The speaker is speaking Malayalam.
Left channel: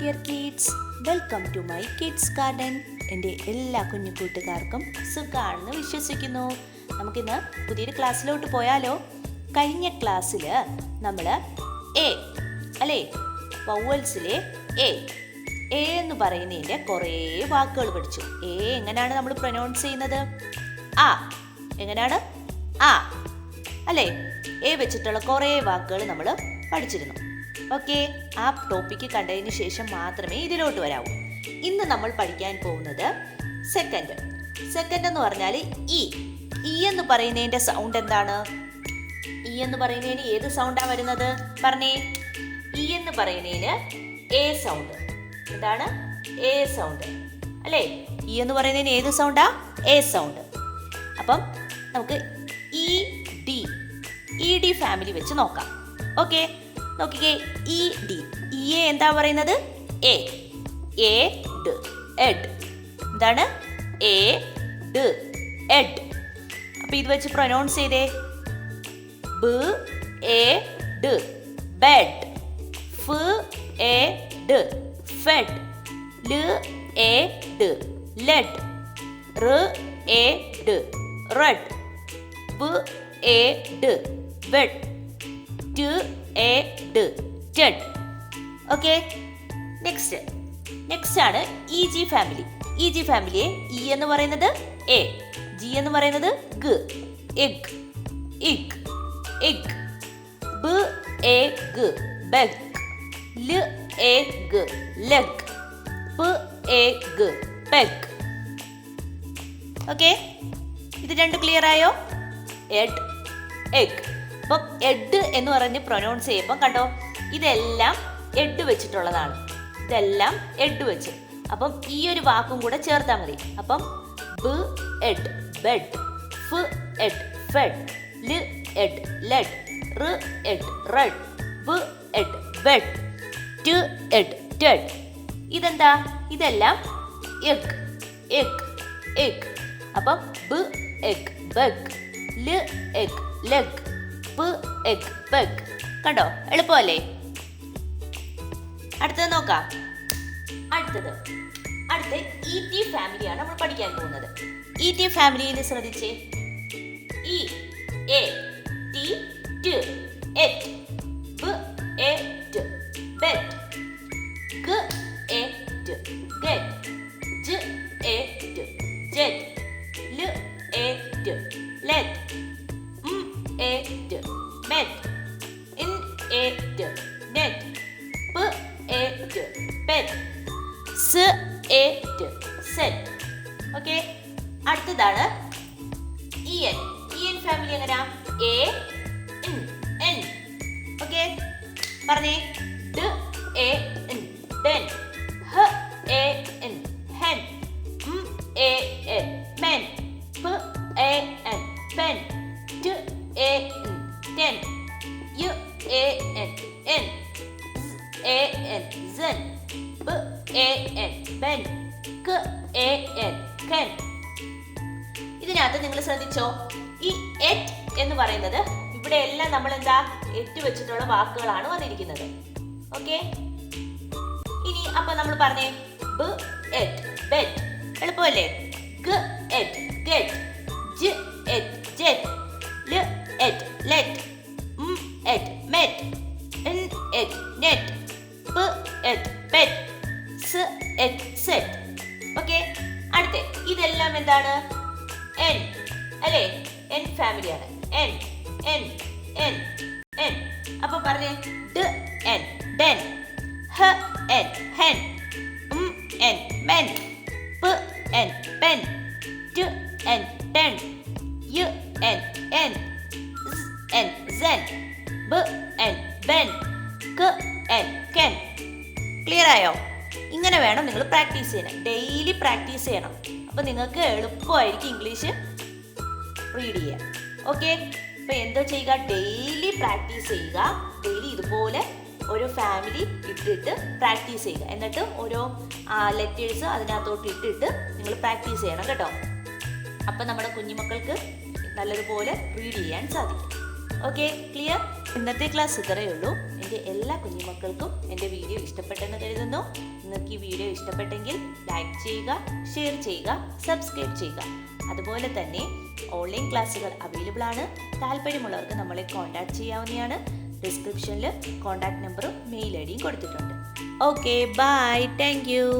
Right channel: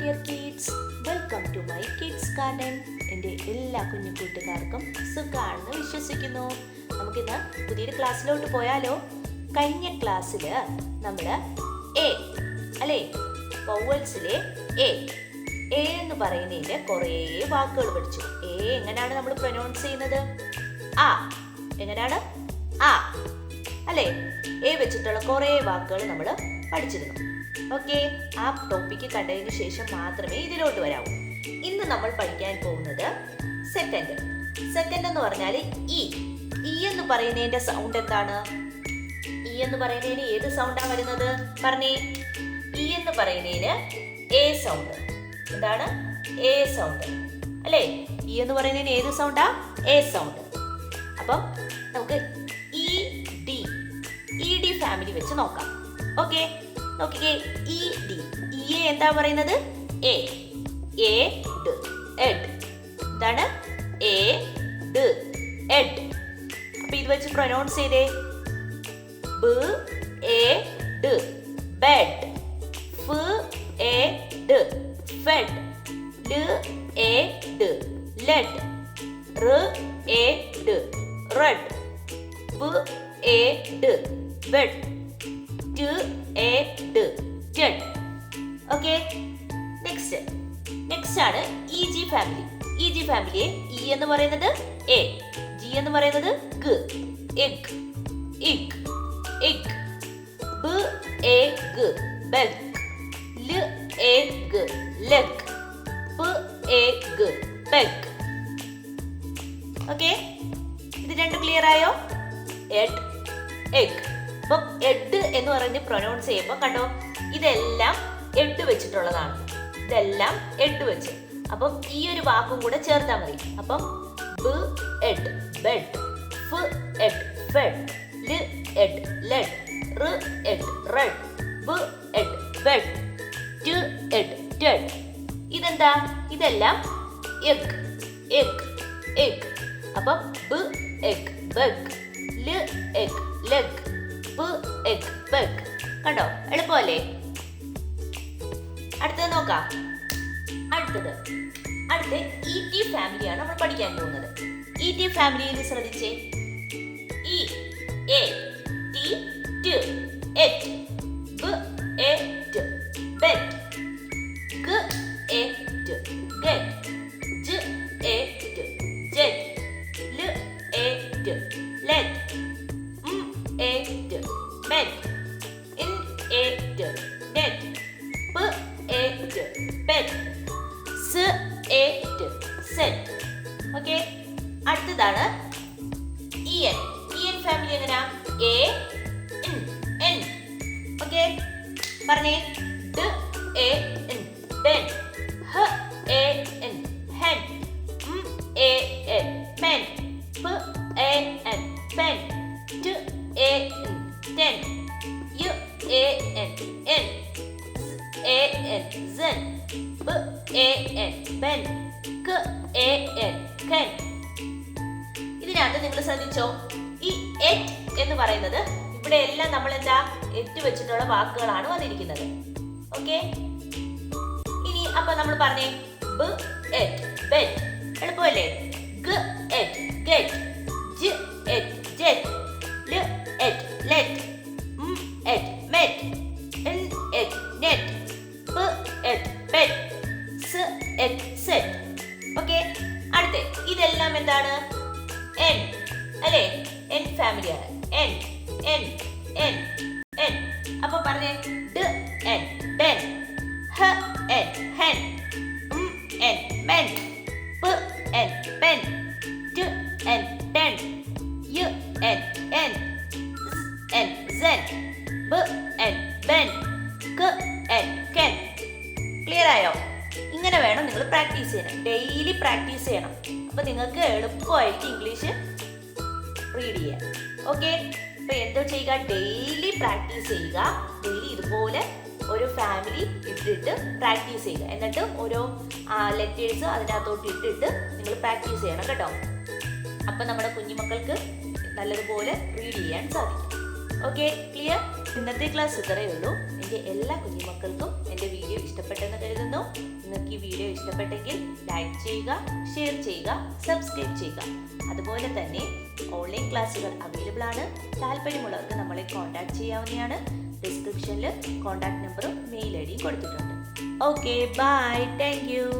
dear kids, welcome to my kids garden. എൻ്റെ എല്ലാ കുഞ്ഞു കൂട്ടുകാർക്കും സുഖാണെന്ന് വിശ്വസിക്കുന്നു. നമുക്കിന്ന് പുതിയൊരു ക്ലാസ്സിലോട്ട് പോയാലോ? കഴിഞ്ഞ ക്ലാസ്സിൽ നമ്മൾ എ അല്ലേ, വവൽസിലെ എ എന്ന് പറയുന്നതിൻ്റെ കുറേ വാക്കുകൾ പഠിച്ചു. എ എങ്ങനെയാണ് നമ്മൾ പ്രൊനൗൺസ് ചെയ്യുന്നത്? ആ എങ്ങനെയാണ്? ആ അല്ലേ? എ വെച്ചിട്ടുള്ള കുറേ വാക്കുകൾ നമ്മൾ പഠിച്ചിരുന്നു. ഓക്കെ, ആ ടോപ്പിക്ക് കണ്ടതിന് ശേഷം മാത്രമേ ഇതിലോട്ട് വരാവൂ. ഇന്ന് നമ്മൾ പഠിക്കാൻ പോകുന്നത് സെക്കൻഡ് എന്ന് പറഞ്ഞാൽ ഇ എന്ന് പറയുന്നതിന്റെ സൗണ്ട് എന്താണ്? ഇ എന്ന് പറയുന്നതിന് ഏത് സൗണ്ടാ വരുന്നത്? പറഞ്ഞേ. ഇ എന്ന് പറയുന്നതിന് എ സൗണ്ട്. എന്താണ്? എ സൗണ്ട് അല്ലേ? ഇ എന്ന് പറയുന്നതിന് ഏത് സൗണ്ടാ? A sound. അപ്പം നമുക്ക് ഇ ഡി ഫാമിലി വെച്ച് നോക്കാം. ഓക്കെ, നോക്കിക്കേ. ഇ എന്താ പറയുന്നത്? എ ഡ് എഡ്. എന്താണ്? എ ഡ് എഡ്. അപ്പൊ ഇത് വെച്ച് പ്രൊനൗൺസ് ചെയ്തേ. ബ് എ ഡ് ബെഡ്. ഫ് എ ഡ് ഫെഡ്. ല് എ ഡ് ലെഡ്. റ് എ ഡ് റെഡ്. വ് എ ഡ് വെഡ്. ട് എ ഡ് ടെഡ്. ഓക്കെ, നെക്സ്റ്റ് ആണ് E G family. E G ഫാമിലിയെ ഇ എന്ന് പറയുന്നത് എ, ജി എന്ന് പറയുന്നത് ഗ, എഗ്, ഇഗ്, ഇഗ്. ബ് എ ഗ ബെഗ്. ല് എ ഗ ലെഗ്. പ് എ ഗ പെഗ്. ഓക്കെ, ഇത് രണ്ട് ക്ലിയർ ആയോ? Ed, egg. അപ്പം എഡ് എന്ന് പറഞ്ഞ് പ്രൊനൗൺസ് ചെയ്യുമ്പോൾ കണ്ടോ, ഇതെല്ലാം എഡ് വെച്ചിട്ടുള്ളതാണ്. ഇതെല്ലാം എഡ് വെച്ച്. അപ്പം ഈ ഒരു വാക്കും കൂടെ ചേർത്താൽ മതി. അപ്പം ബ് എഡ് ബെഡ്. ഫ് എഡ് ഫെഡ്. ല് എഡ് ലെഡ്. റ് എഡ് റെഡ്. വ് എഡ് ബെഡ്. ട് എഡ് ടെഡ്. ഇതെന്താ? ഇതെല്ലാം എഗ്, എഗ്, എഗ്. അപ്പം ബ് എഗ് ബെഗ്. ല് എഗ് ലെഗ്. പ് എഗ് പെഗ്. കണ്ടോ, എളുപ്പമല്ലേ? അടുത്തത് നോക്കാം. അടുത്ത ഇ ടി ഫാമിലിയാണ് നമ്മൾ പഠിക്കാൻ പോകുന്നത്. ഇ ടി ഫാമിലിയിൽ ശ്രദ്ധിച്ചേ. ഇ എ ടി ട് എറ്റ്. ബ് എ ട് ബെറ്റ്. ഗ എ ട് ഗെറ്റ്. ജ് എ ട് ജെറ്റ്. ല് എ ട് ലെറ്റ്. എ ട് മെറ്റ്. ഇൻ എ ട് നെറ്റ്. പ് എ ട് പെറ്റ്. സ് എ ട് സെറ്റ്. ഓക്കെ, അടുത്തതാണ് ഇ എൻ ഫാമിലി. എങ്ങനെയാ? എ എൻ. ഓക്കെ, പറഞ്ഞേ. ഡ് എ എൻ ഡെൻ. ഹ എ എൻ ഹെൻ. എ എൻ മെൻ. പ് എ എൻ പെൻ. ട് എ എൻ ടെൻ. യു എ എൻ എൻ. എ എൻ സെൻ. ബ് എ എൻ ബെൻ. ക എ എൻ കെൻ. ഇതിനകത്ത് നിങ്ങൾ ശ്രദ്ധിച്ചോ, ഈ എറ്റ് എന്ന് പറയുന്നത് ഇവിടെ എല്ലാം നമ്മൾ എന്താ എട്ട് വെച്ചിട്ടുള്ള വാക്കുകളാണ് വന്നിരിക്കുന്നത്. ഓക്കെ, ഇനി അപ്പൊ നമ്മൾ പറഞ്ഞേ. ബ് എറ്റ് ബെഡ്. എളുപ്പമല്ലേ? ഗ എറ്റ് ഗെറ്റ്. ജ് എറ്റ് ജെറ്റ്. ല് എറ്റ് ലെറ്റ്. Et met. ഇൻ എറ്റ് നെറ്റ്. പ് എറ്റ് പെറ്റ്. സ് എറ്റ് സെറ്റ്. ഓക്കെ, അടുത്ത ഇതെല്ലാം എന്താണ്? എൻ അല്ലേ? എൻ ഫാമിലിയാണ്. En en en en. അപ്പൊ പറഞ്ഞേ. ഡ് എൻ ഡെൻ. ഹ എൻ ഹെൻ. En men. പ് എൻ പെൻ. ട് എൻ ടെൻ. യു എൻ എൻ. എൻ സെൻ. ബ് എൻ ബെൻ. ക എൻ കെൻ. ക്ലിയർ ആയോ? ഇങ്ങനെ വേണം നിങ്ങൾ പ്രാക്ടീസ് ചെയ്യണം. ഡെയിലി പ്രാക്ടീസ് ചെയ്യണം. അപ്പൊ നിങ്ങൾക്ക് എളുപ്പമായിരിക്കും ഇംഗ്ലീഷ് റീഡ് ചെയ്യാൻ. ഓക്കെ, അപ്പൊ എന്താ ചെയ്യുക? ഡെയിലി പ്രാക്ടീസ് ചെയ്യുക. ഡെയിലി ഇതുപോലെ ഒരു ഫാമിലി ഇട്ടിട്ട് പ്രാക്ടീസ് ചെയ്യുക. എന്നിട്ട് ഓരോ ലെറ്റേഴ്സ് അതിനകത്തോട്ട് ഇട്ടിട്ട് നിങ്ങൾ പ്രാക്ടീസ് ചെയ്യണം കേട്ടോ. അപ്പൊ നമ്മുടെ കുഞ്ഞുമക്കൾക്ക് നല്ലതുപോലെ റീഡ് ചെയ്യാൻ സാധിക്കും. Okay, clear? ഇന്നത്തെ ക്ലാസ് ഇത്രയേ ഉള്ളൂ. എൻ്റെ എല്ലാ കുഞ്ഞുമക്കൾക്കും എൻ്റെ വീഡിയോ ഇഷ്ടപ്പെട്ടെന്ന് കരുതുന്നു. ഇഷ്ടപ്പെട്ടെങ്കിൽ ലൈക്ക് ചെയ്യുക, ഷെയർ ചെയ്യുക, സബ്സ്ക്രൈബ് ചെയ്യുക. അതുപോലെ തന്നെ ഓൺലൈൻ ക്ലാസ്സുകൾ അവൈലബിൾ ആണ്. താല്പര്യമുള്ളവർക്ക് നമ്മളെ കോൺടാക്ട് ചെയ്യാവുന്നതാണ്. ഡിസ്ക്രിപ്ഷനിൽ കോൺടാക്ട് നമ്പറും മെയിൽ ഐ ഡിയും കൊടുത്തിട്ടുണ്ട്. Okay, bye, thank U.